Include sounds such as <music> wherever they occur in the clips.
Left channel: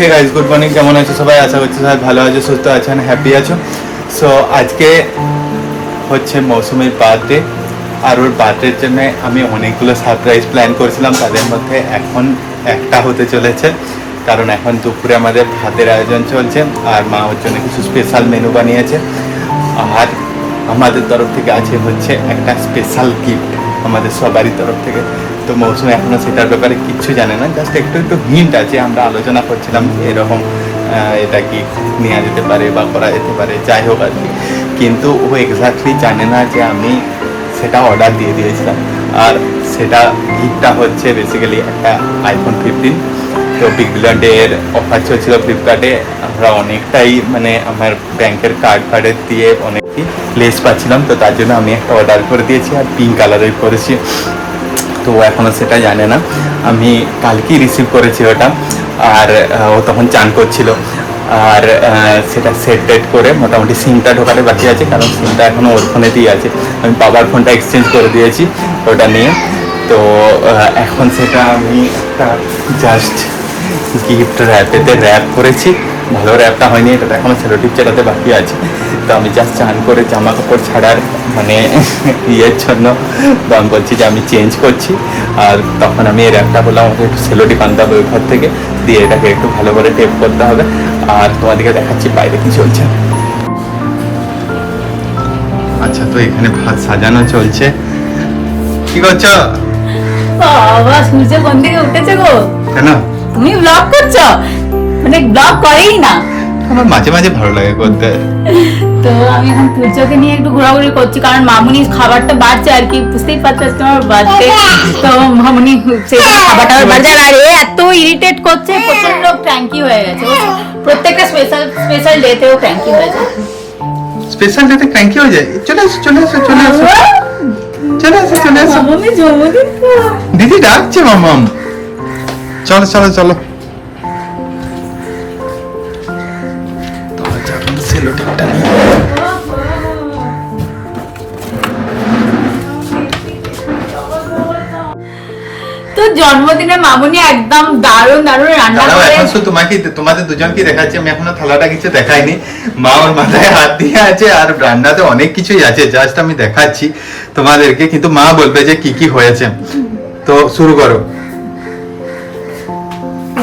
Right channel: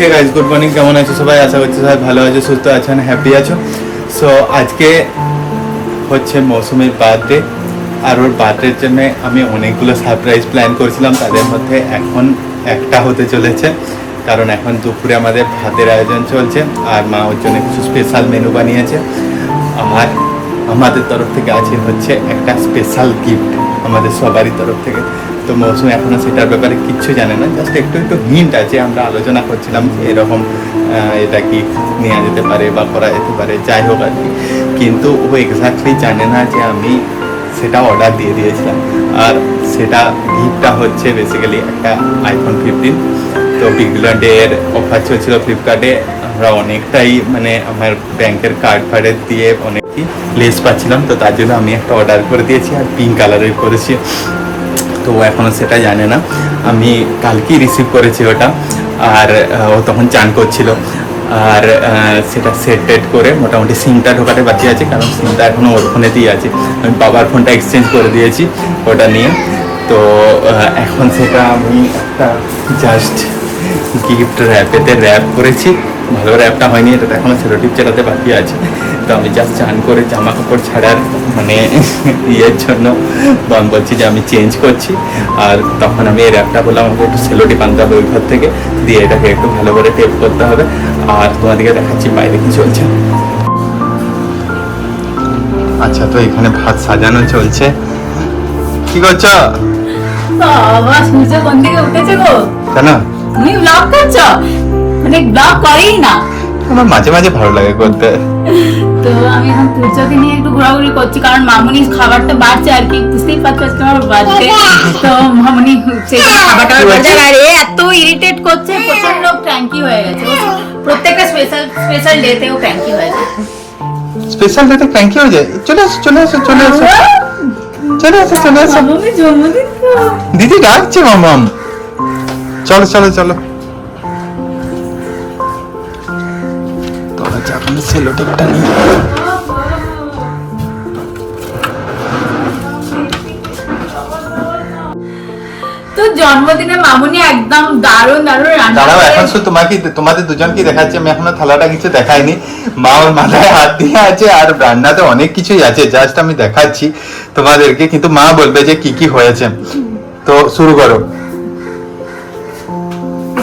Hey guys good morning কেমন আছো সবাই? আশা করছি সবাই ভালো আছো, সুস্থ আছেন হ্যাপি আছো। সো আজকে হচ্ছে মৌসুমীর বার্থডে আর ওর বার্থডের জন্য আমি অনেকগুলো সারপ্রাইজ প্ল্যান করেছিলাম। তাদের মধ্যে এখন একটা হতে চলেছে। কারণ এখন দুপুরে আমাদের ভাতের আয়োজন চলছে। আর মা ওর জন্য কিছু স্পেশাল মেনু বানিয়েছে। আর আমাদের তরফ থেকে আছে হচ্ছে একটা স্পেশাল গিফট আমাদের সবারই তরফ থেকে। তো মৌসুমি এখনও সেটার ব্যাপারে কিচ্ছু জানে না। জাস্ট একটু একটু হিন্ট আছে, আমরা আলোচনা করছিলাম যে এরকম এটা কি নেওয়া যেতে পারে বা করা যেতে পারে, যাই হোক আর কি। কিন্তু ও এক্স্যাক্টলি জানে না যে আমি সেটা অর্ডার দিয়ে দিয়েছিলাম। আর সেটা গিফটটা হচ্ছে বেসিক্যালি একটা আইফোন ফিফটিন তো বিগ অফার চলছিল ফ্লিপকার্টে আমরা অনেকটাই মানে আমার ব্যাংকের কার্ড ফার্ডের দিয়ে অনেকই লেস পাচ্ছিলাম। তো তার জন্য আমি একটা অর্ডার করে দিয়েছি আর পিঙ্ক কালারের করেছি। তো ও এখনও সেটা জানে না। আমি কালকেই রিসিভ করেছি ওটা। আর ও তখন চান করছিল। আর সেটা সেট টেট করে মোটামুটি সিমটা ঢোকাতে বাকি আছে, কারণ সিমটা এখনও ওর ফোনেতেই আছে। আমি বাবার ফোনটা এক্সচেঞ্জ করে দিয়েছি ওটা নিয়ে। তো এখন সেটা আমি একটা জাস্ট গিফট র্যাপেতে র্যাপ করেছি। ভালো র্যাপটা হয়নি এটা এখনও ছেলে টিপ চেটাতে বাকি আছে। তো আমি জাস্ট চান করে জামা কাপড় ছাড়ার মানে ইয়ের জন্য বা আমি বলছি যে আমি চেঞ্জ করছি। আর তখন আমি এই র্যাপটা বললাম আমাকে একটু সেলোটি আনতে হবে ওই ঘর থেকে দিয়ে এটাকে একটু ভালো করে টেপ করতে হবে। আর তোমাদেরকে দেখাচ্ছি বাইরে কি চলছে। আচ্ছা তো এখানে ভাত সাজানো চলছে। কি করছ? বাবা সূর্য কোন দিকে উঠেছে গো? কেন? তুমি ব্লগ করছ? মানে ব্লগ করেই না। আমার মাঝে মাঝে ভালো লাগে করতে। <laughs> তো আমি এখন সূর্যকে নিয়ে একটু ঘোরাঘুরি করছি কারণ মামুনি খাবারটা বাড়ছে আর কি বুঝতেই পারছ আজকে আমার বার্থডে। তো মামুনি সেই জন্য খাবারটা আমার বাড়ছে। আর এ এত ইরিটেট করছে প্রচণ্ড ক্র্যাঙ্কি হয়ে গেছে প্রত্যেকটা স্পেশাল স্পেশাল ডেতেও ক্র্যাঙ্কি হয়ে যায়। স্পেশাল ডেতে ক্র্যাঙ্কি হয়ে যায়? চলে আসো চলে আসো চলে আসো চলে আসো চলে আসো। দিদি ডাকছে মামাম চলো চলো চলো। সেলোটেপটা নিয়ে। তো জন্মদিনে মামুনি একদম দারুণ দারুণ রান্না দাঁড়াও এখন শুধু তোমাকে তোমাদের দুজনকে দেখাচ্ছি আমি এখনও থালাটা কিছু দেখাইনি। মা ওর মাথায় হাত দিয়ে আছে আর রান্নাতে অনেক কিছুই আছে জাস্ট আমি দেখাচ্ছি তোমাদেরকে কিন্তু মা বলবে যে কি কি হয়েছে। তো শুরু করো।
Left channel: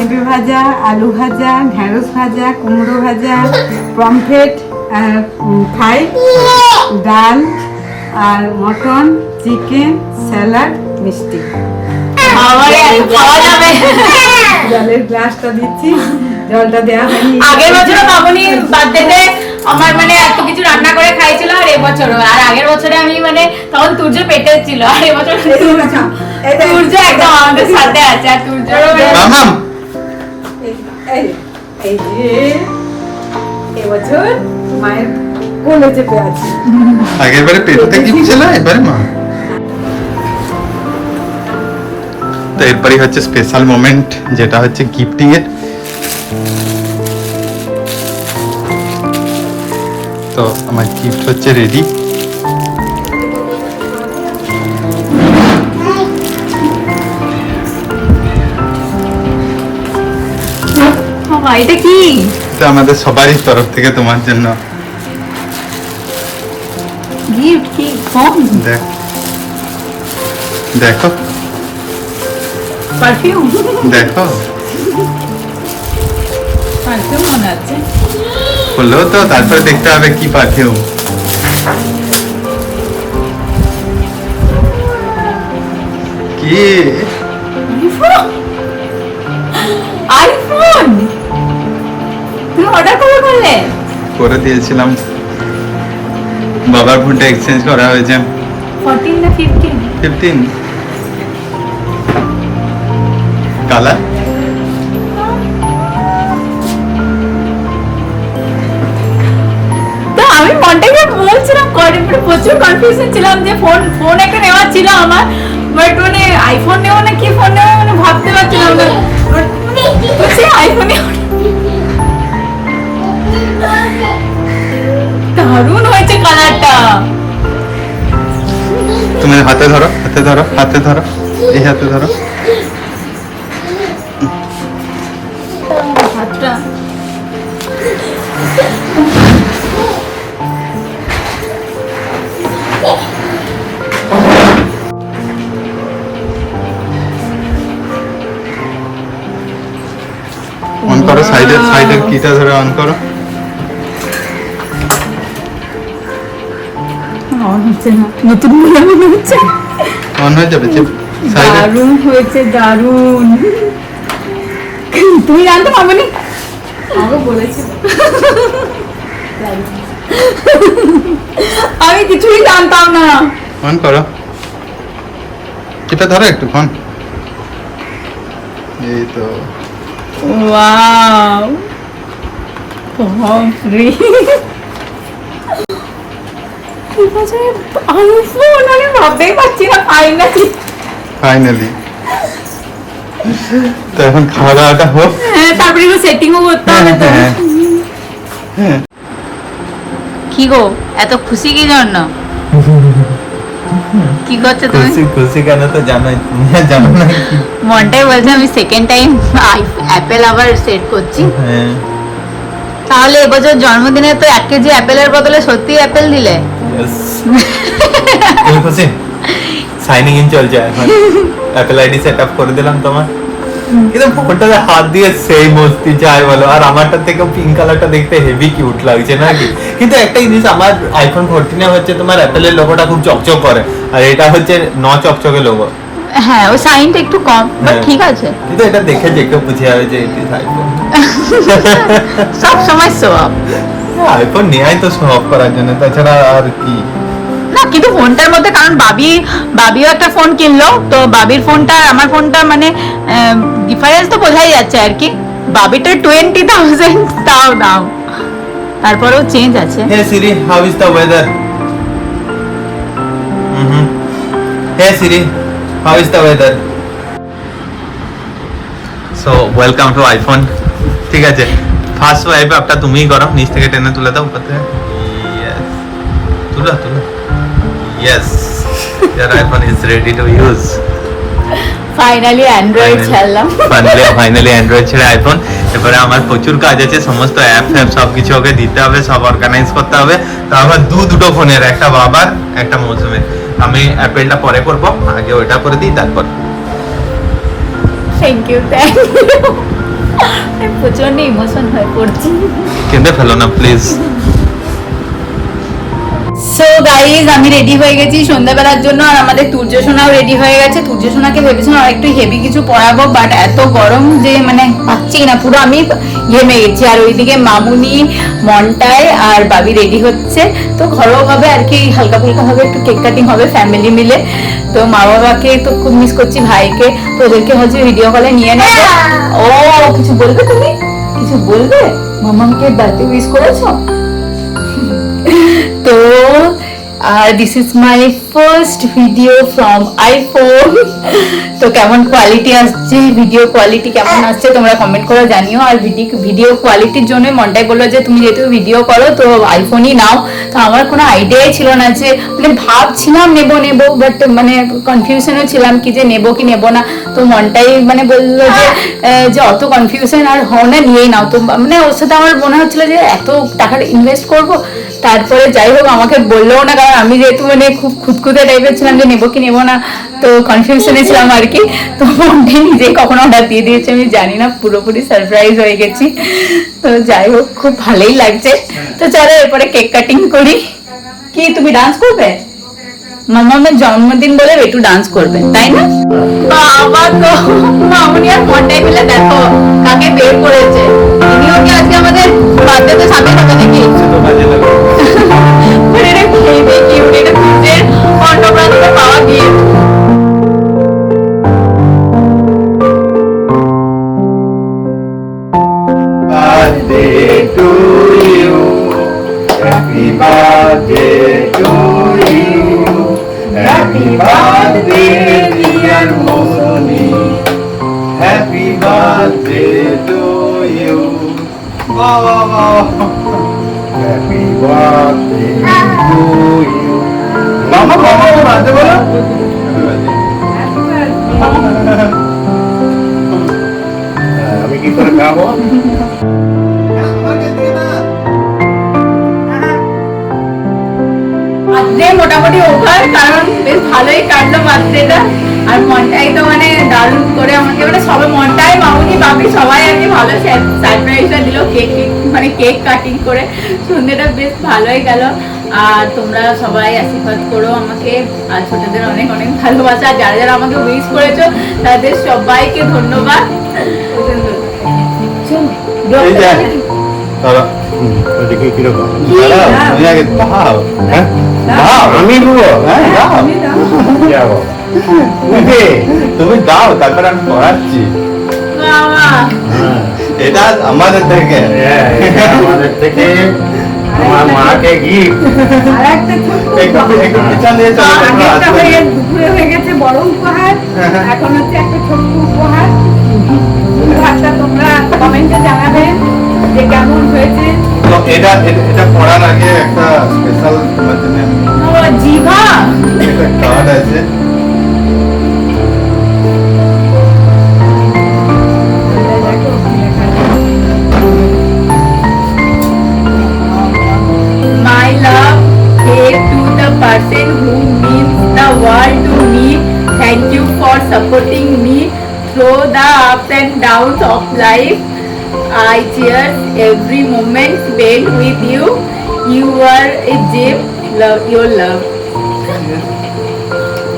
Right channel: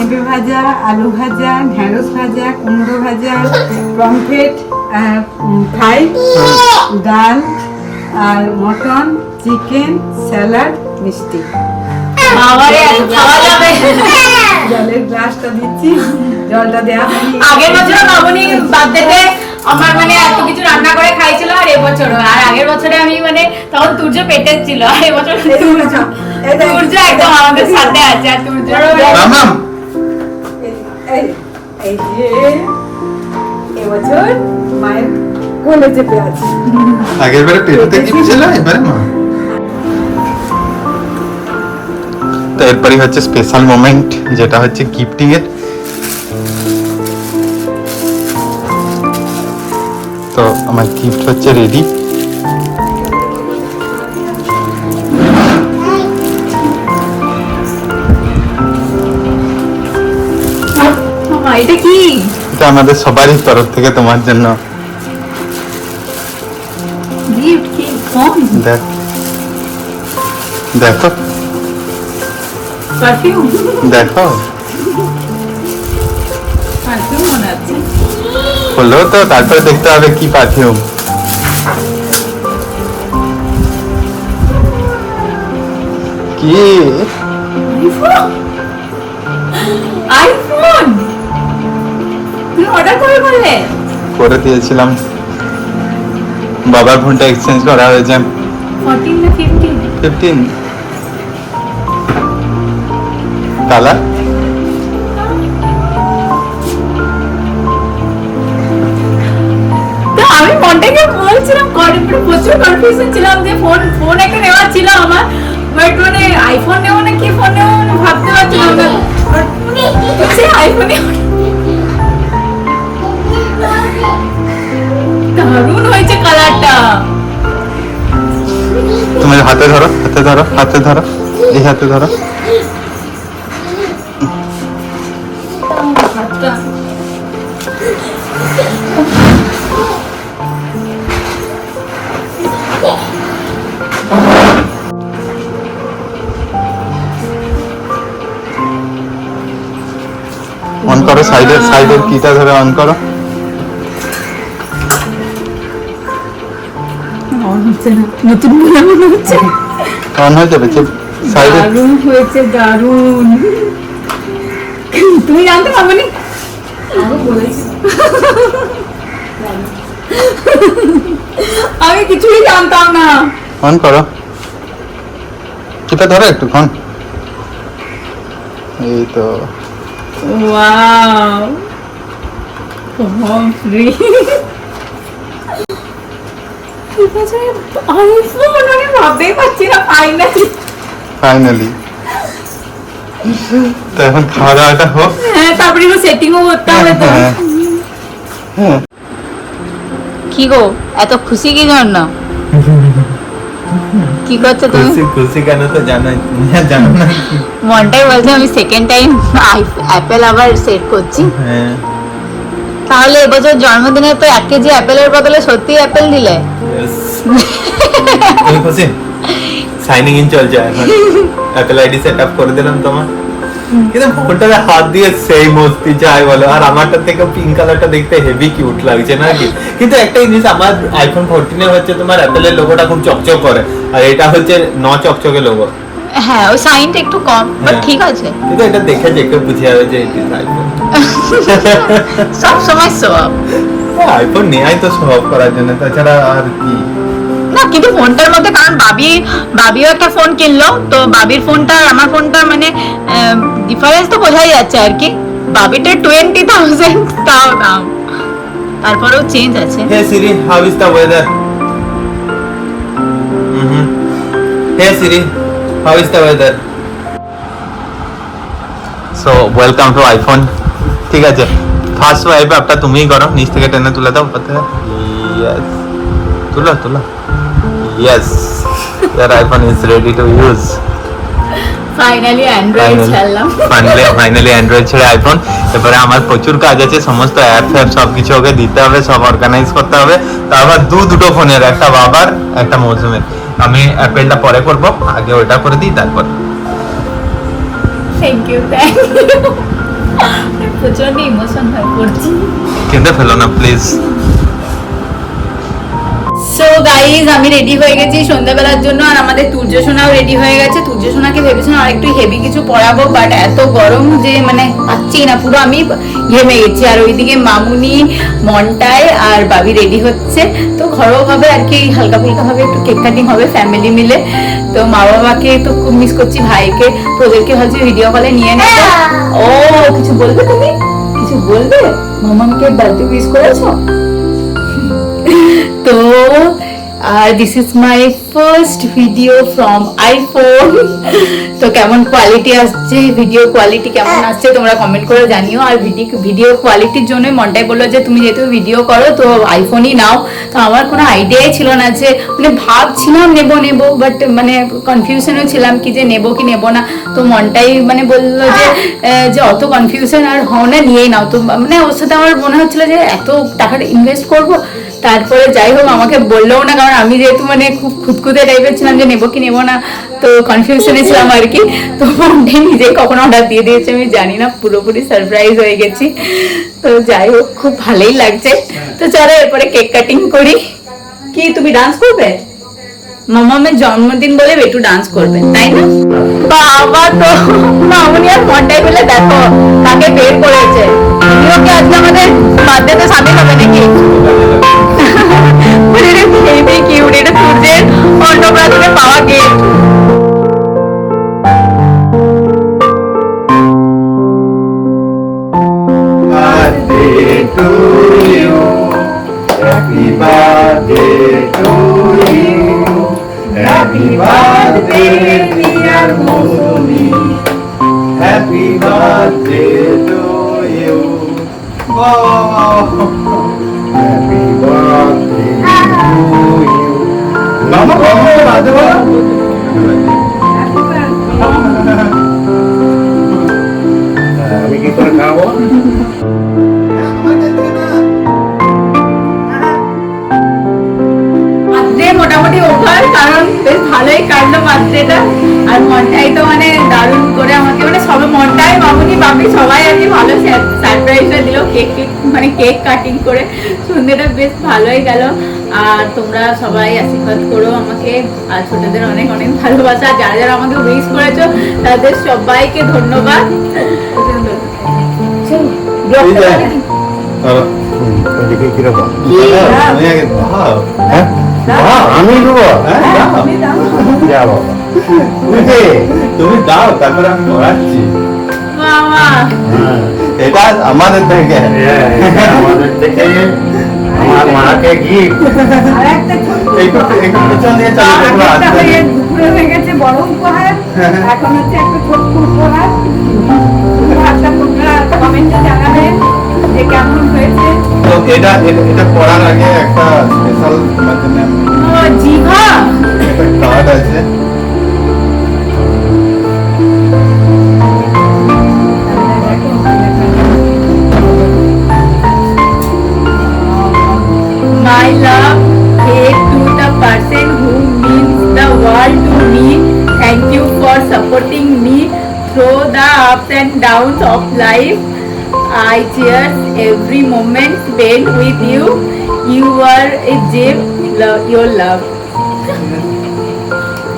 পেঁপে ভাজা আলু ভাজা ঢেঁড়স ভাজা কুমড়ো ভাজা পমফ্রেট ফ্রাই ডাল আর মটন চিকেন স্যালাড মিষ্টি। জলের গ্লাসটা দিচ্ছি জলটা দেওয়া হয়নি। আগের বছর মামুনি বার্থডেতে আমার মানে এত কিছু রান্না করে খাইছিল আর এবছরও। আর আগের বছরে আমি মানে তখন তুর্য পেটে ছিল আর এবছর তুর্য- তুর্য একদম আমাদের সাথে আছে আর তুর্য আগের বারে তো হচ্ছে স্পেশাল মোমেন্ট যেটা হচ্ছে গিফটিং এর। তো আমার গিফট হচ্ছে রেডি এটা কি? এটা আমাদের সবারই তরফ থেকে তোমার জন্য। গিফট কি? ফোন দেখ। দেখো। পারফিউম দেখো। পারফিউম মনে হলো তো তারপরে দেখতে হবে কি পারফিউম কি? আইফোন অর্ডার কবে করলে? করে দিয়েছিলাম। বাবার ফোনটা এক্সচেঞ্জ করা হয়েছে। ফোরটিন না ফিফটিন ফিফটিন কালার? আমি মনটাকে বলছিলাম কনে পুরো প্রচুর কনফিউশন ছিলাম যে ফোন ফোন একটা নেওয়া ছিল আমার বাট মানে আইফোন নেব না কি ফোন নেব মানে ভাবতে পারছিলাম না। But সে আইফোনে দারুণ হয়েছে কালারটা। তুমি হাতে ধরো হাতে ধরো হাতে ধরো এই হাতে ধরো। অন করো সাইডের সাইডের কিটা ধরে অন করো। হচ্ছে না। নতুন বলে মনে হচ্ছে। অন হয়ে যাবে দারুণ হয়েছে দারুণ। তুমি জানতো আমাকে আমি কিছুই জানতাম না। অন করো। কিটা ধরো একটু ফোন এই তো। ওয়াও। বাপরে আইফোন আমি ভাবতেই পারছি না ফাইনালি ফাইনালি তো এখন খাওয়া দাওয়াটা হোক। হ্যাঁ তারপরে সেটিংও করতে হবে তো। হ্যাঁ, হ্যাঁ। কি গো এত খুশি কি জন্য? কি করছ তুমি? খুশি খুশি কেন তো জানোই তুমি জানো না কি। মনটাই বলছে আমি সেকেন্ড টাইম অ্যাপেল আবার সেট করছি। হ্যাঁ। তাহলে এবছর জন্মদিনে তো এক কেজি অ্যাপেলের বদলে সত্যি অ্যাপেল দিলে। খুশি সাইনিং ইন চলছে এখন। অ্যাপেল আইডি সেট আপ করে দিলাম তোমার। কিন্তু ফোনটাতে হাত দিয়ে সেই মস্তি চাই বলো। আর আমারটা থেকে পিঙ্ক কালারটা দেখতে হেভি কিউট লাগছে নাকি? কিন্তু একটা জিনিস আমার আইফোন ফোরটিনে হচ্ছে তোমার অ্যাপেলের লোগোটা খুব চকচক করে। আর এটা হচ্ছে ন চকচকে লোগো হ্যাঁ ও সাইনটা একটু কম বাট হ্যাঁ। ঠিক আছে। কিন্তু এটা দেখে যে কেউ বুঝে যাবে যে এটি আইফোন <laughs> সব সময় সো আইফোন নেয় তো সব করার জন্য তাছাড়া আর কি না কিন্তু ফোনটার মধ্যে কারণ বাবি বাবিও একটা ফোন কিনলো তো বাবির ফোনটা আমার ফোনটা মানে ডিফারেন্স তো বোঝাই যাচ্ছে আর কি বাবিটা টোয়েন্টি থাউজেন্ড তাও দাম তারপরেও চেঞ্জ আছে Siri, how is the weather? Mm-hmm. Hey Siri, how is the weather? So, welcome to iPhone. ঠিক আছে ফার্স্ট ওয়াইপ আপটা তুমিই করো। নিচ থেকে টেনে তুলে দাও উপর থেকে। ইয়েস তুলো তুলো। Yes year iPhone is ready to use finally Android ছাড়লাম। ফাইনালি ফাইনালি অ্যান্ড্রয়েড ছেড়ে আইফোন এবারে আমার প্রচুর কাজ আছে সমস্ত অ্যাপ ফ্যাপ সব কিছু ওকে দিতে হবে সব অর্গানাইজ করতে হবে। তো আমার দু দুটো ফোনের একটা বাবার একটা মৌসুমের। আমি অ্যাপেলটা পরে করব আগে ওইটা করে দিই তারপর। থ্যাংক ইউ থ্যাংক ইউ প্রচণ্ড ইমোশন হয়ে পড়ছি। কেঁদে ফেলো না প্লিজ সো গাইজ আমি রেডি হয়ে গেছি সন্ধ্যাবেলার জন্য আর আমাদের সোনাও রেডি হয়ে গেছে। সোনাকে ভেবেছিলাম আর একটু হেভি কিছু পরাবো বাট এত গরম যে মানে পাচ্ছি না। পুরো আমি ঘেমে গেছি। আর ওইদিকে মামুনি মনটায় আর বাবি রেডি হচ্ছে। তো ঘরোয়াভাবে আর কি হালকা ফুলকা ভাবে একটু কেক কাটিং হবে ফ্যামিলি মিলে। তো মা বাবাকে তো খুব মিস করছি ভাইকে। তো ওদেরকে ভাবছি ভিডিও কলে নিয়ে নেব। ও কিছু বলবে তুমি? কিছু বলবে? মামাকে বার্থডে উইশ করেছ? <laughs> তো আর this is my first video from iPhone তো কেমন কোয়ালিটি আসছে? ভিডিও কোয়ালিটি কেমন আসছে? তোমরা কমেন্ট করে জানিও। আর ভিডিও ভিডিও কোয়ালিটির জন্য মনটাই বলল যে তুমি যেহেতু ভিডিও করো তো আইফোনই নাও। তো আমার কোনো আইডিয়াই ছিল না যে মানে ভাবছিলাম নেব নেব বাট মানে কনফিউশনও ছিলাম কি যে নেব কি নেব না। তো মনটাই মানে বলল যে আহ, যে অত কনফিউশন আর হও না নিয়েই নাও। তো মানে ওর সাথে আমার মনে হচ্ছিল যে এত টাকাটা ইনভেস্ট করব। তারপরে যাই হোক আমাকে বললেও না কারণ আমি যেহেতু মানে খুব খুঁতখুঁতে টাইপের ছিলাম যে নেব কি নেব না, তো কনফিউশনে ছিলাম আর কি। তো মনটাই নিজেই কখন অর্ডার দিয়ে দিয়েছে, আমি জানি না, পুরোপুরি সারপ্রাইজ হয়ে গেছি। তো যাই হোক, খুব ভালোই লাগছে। তো চলো এরপরে কেক কাটিং করি। কি, তুমি ডান্স করবে? মামামের জন্মদিন বলে একটু ডান্স করবে, তাই না? বাবা তো, মামুনি আর মনটাই মিলে দেখো কাকে বের করেছে। ইনিও কি আজকে আমাদের বার্থডেতে সামিল হবে নাকি? মানে এটা খেয়ে আমি কি করে খাব মোটামুটি ওভার, কারণ বেশ ভালোই কাটলো বার্থডেটা। আর মনটাই তো মানে দারুণ করে আমাকে মানে সবাই মনটাই মামুনি বাপি সবাই আর কি ভালো সারপ্রাইজটা দিল কেক কেক মানে কেক কাটিং করে। সন্ধ্যেটা বেশ ভালোই গেল। আর তোমরা সবাই আশীর্বাদ করো আমাকে। আর ছোটদের অনেক অনেক ভালোবাসা। আর যারা যারা আমাকে উইশ করেছ তাদের সবাইকে ধন্যবাদ। হ্যাঁ? আমি হ্যাঁ, দাও। আমি দাম যা বাবা। তুমি দাও তারপরে আমি পড়াচ্ছি। হ্যাঁ, এটা আমাদের থেকে। হ্যাঁ, আমাদের থেকে। মাকে গিফট আর একটা একটু একটু পিছন দিয়ে চলো তোমরা আগেরটা আসবে হয়ে দুপুরে হয়ে গেছে বড় উপহার। এখন হচ্ছে একটা ছোট্ট উপহার। উপহারটা তোমরা কমেন্টে জানাবেন যে কেমন হয়েছে। তো এটা এটা- এটা পড়ার আগে একটা স্পেশাল তোমার জন্য জিভা! একটা কার্ড আছে। My love hey to the person who means the world to me thank you for supporting me through the ups and downs of life i cherish every moment spent with you you are a gem love your love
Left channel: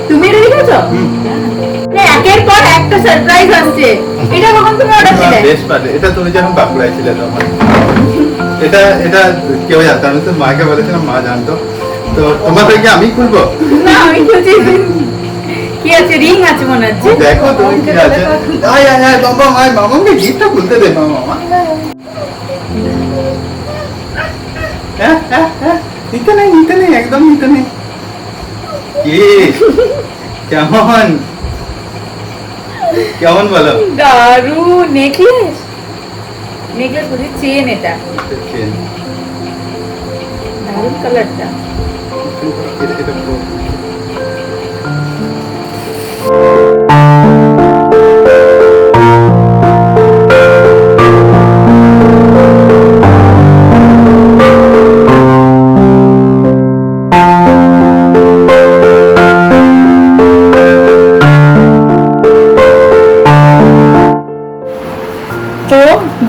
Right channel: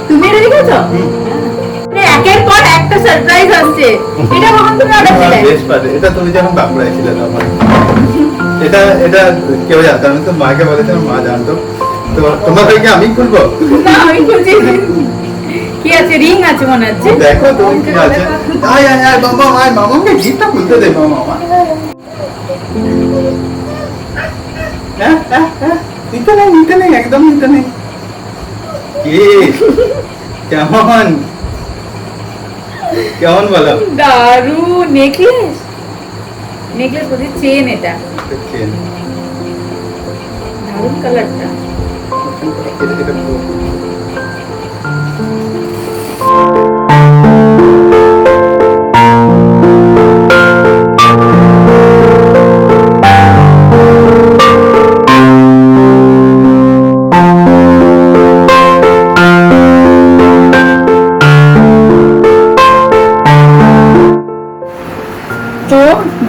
তুমি এটা লিখেছো মানে একের পর একটা surprise আসছে। এটা কখন তুমি অর্ডার দিলে? বেশ পারে এটা তুমি যখন বাঁকুড়ায় ছিলে তখন। এটা এটা কেউ জানতো আমি তো মাকে বলেছিলাম মা জানতো। তো তোমার থেকে আমি খুলবো? না আমি খুঁজি কি আছে? রিং আছে মনে হচ্ছে। দেখো তুমি কি আছে। আয় আয় আয় বাবা আয় মামাকে গিফটটা খুলতে দে মামা মামা। নিতে নেই নিতে নেই একদম নিতে নেই। কি? কেমন? কেমন বলো? দারু নেকলেস নেকলেস বলছি চেন এটা। চেন দারুণ কালারটা এটা এটা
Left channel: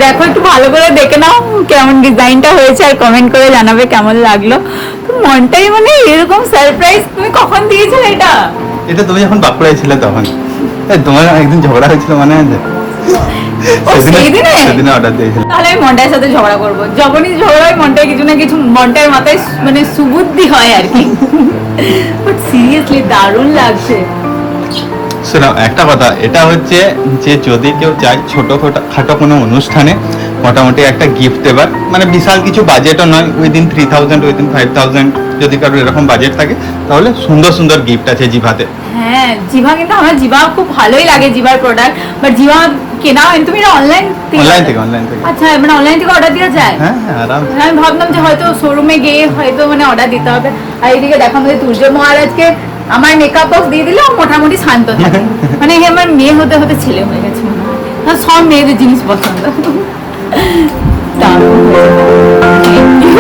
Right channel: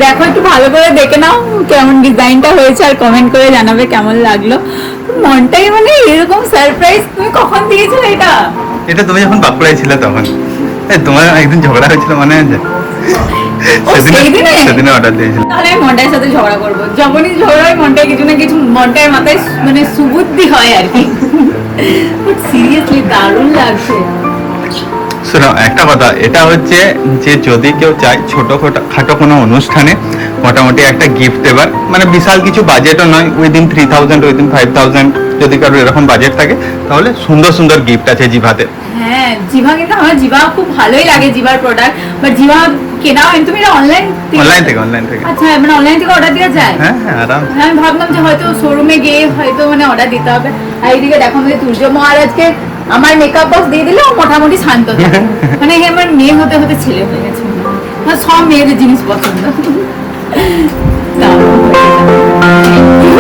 দেখো একটু ভালো করে দেখে নাও কেমন ডিজাইনটা হয়েছে আর কমেন্ট করে জানাবে কেমন লাগল। মনটাই মানে এরকম সারপ্রাইজ তুমি কখন দিয়েছিলে এটা? এটা তুমি যখন বাঁকুড়ায় ছিলে তখন। তোমার একদিন ঝগড়া হয়েছিল মনে? আছে? সেদিনে অর্ডার দিয়েছিল। তাহলে আমি মনটার সাথে ঝগড়া করব। যখনই ঝগড়া হয় মনটায় কিছু না কিছু মনটার মাথায় মানে সুবুদ্ধি হয় আর কি। <laughs> বাট সিরিয়াসলি দারুণ লাগছে। শোনো একটা কথা এটা হচ্ছে যে যদি কেউ চায় ছোট খাটো কোনো অনুষ্ঠানে মোটামুটি একটা গিফট দেবার মানে বিশাল কিছু বাজেটও নয় within three thousand within five thousand যদি কারোর এরকম বাজেট থাকে তাহলে সুন্দর সুন্দর গিফট আছে জিভাতে। হ্যাঁ জিভা কিন্তু আমার জিভা খুব ভালোই লাগে জিভার প্রোডাক্ট বাট জিভা কেনা হয় তুমি অনলাইন অনলাইন থেকে অনলাইন থেকে আচ্ছা মানে অনলাইন থেকে অর্ডার দেওয়া যায়? হ্যাঁ হ্যাঁ আরাম। আমি ভাবলাম যে হয়তো শোরুমে গিয়ে হয়তো মানে অর্ডার দিতে হবে। আর এইদিকে দেখো আমাদের তুর্য মহারাজকে আমার মেকআপ বক্স দিয়ে দিলে ও মোটামুটি শান্ত থাকে। <laughs> মানে আমার মেয়ে হতে হতে ছেলে হয়ে গেছে মনে হয়। সব মেয়েদের জিনিস পছন্দ। <laughs> দারুণ হয়েছে। Thank you.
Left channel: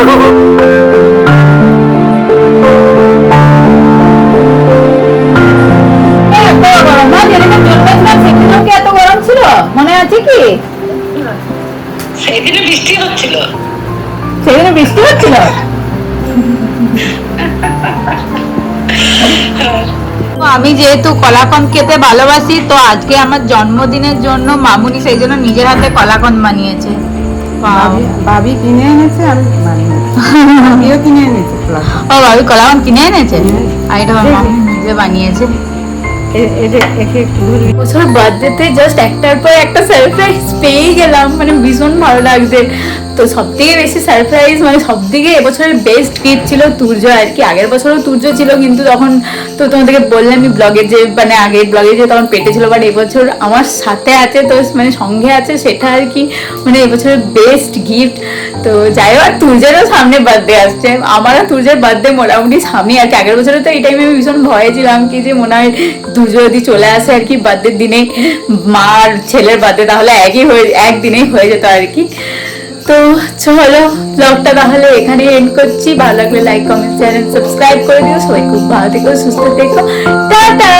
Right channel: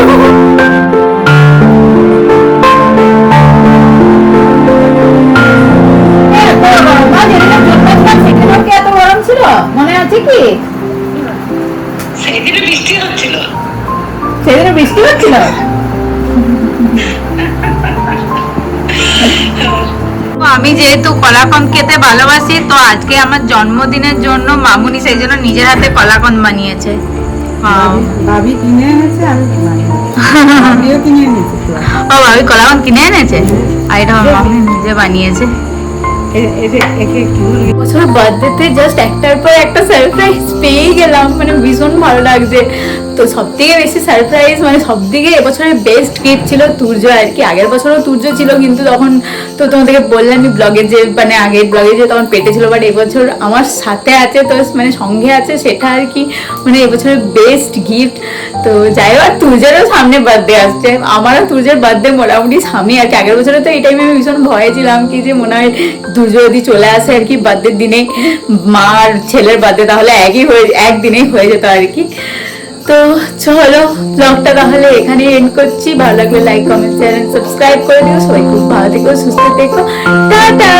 এ, এত গরম না যেদিনে কি এত গরম ছিল? মনে আছে কি? সেদিনে বৃষ্টি হচ্ছিল। সেদিনে বৃষ্টি হচ্ছিল? <laughs> আমি যেহেতু কলাকন্দ খেতে ভালোবাসি তো আজকে আমার জন্মদিনের জন্য মামুনি সেই জন্য নিজের হাতে কলাকন্দ বানিয়েছে। ভাবি কিনে এনেছে আমি বানিয়ে কিনে এনেছি ও ভাবি কলাকন্দ কিনে এনেছে? আর এটা মামুনি নিজে বানিয়েছে। বছর বার্থডেতে জাস্ট একটার পর একটা সারপ্রাইজ পেয়েই গেলাম মানে ভীষণ ভালো লাগছে। তো সব থেকে বেশি সারপ্রাইজ মানে সব থেকে এবছরের বেস্ট গিফট ছিল তুর্য আর কি। আগের বছরও তুর্য ছিল কিন্তু তখন তো তোমাদেরকে বললাম ব্লগে যে মানে আগের ব্লগে যে তখন পেটে ছিল বাট এবছর আমার সাথে আছে, তো মানে সঙ্গে আছে সেটা আর কি মানে এবছরের বেস্ট গিফট তো যাই হোক, তুর্যেরও সামনে বার্থডে আসছে। আমারও তুর্যের বার্থডে মোটামুটি স্বামী আর কি। আগের বছরে তো এই টাইমে আমি ভীষণ ভয়ে ছিলাম কি যে মনে হয় দুর্য যদি চলে আসে আর কি বার্থডের দিনে, মার ছেলের বার্থডে তাহলে একই হয়ে, একদিনেই হয়ে যেত আর কি। তো চলো ব্লগটা তাহলে এখানে এন্ড করছি। ভালো লাগলে লাইক কমেন্ট চ্যানেল সাবস্ক্রাইব করে দিও। সবাই খুব ভালো থেকো, সুস্থ থেকো। টাটা!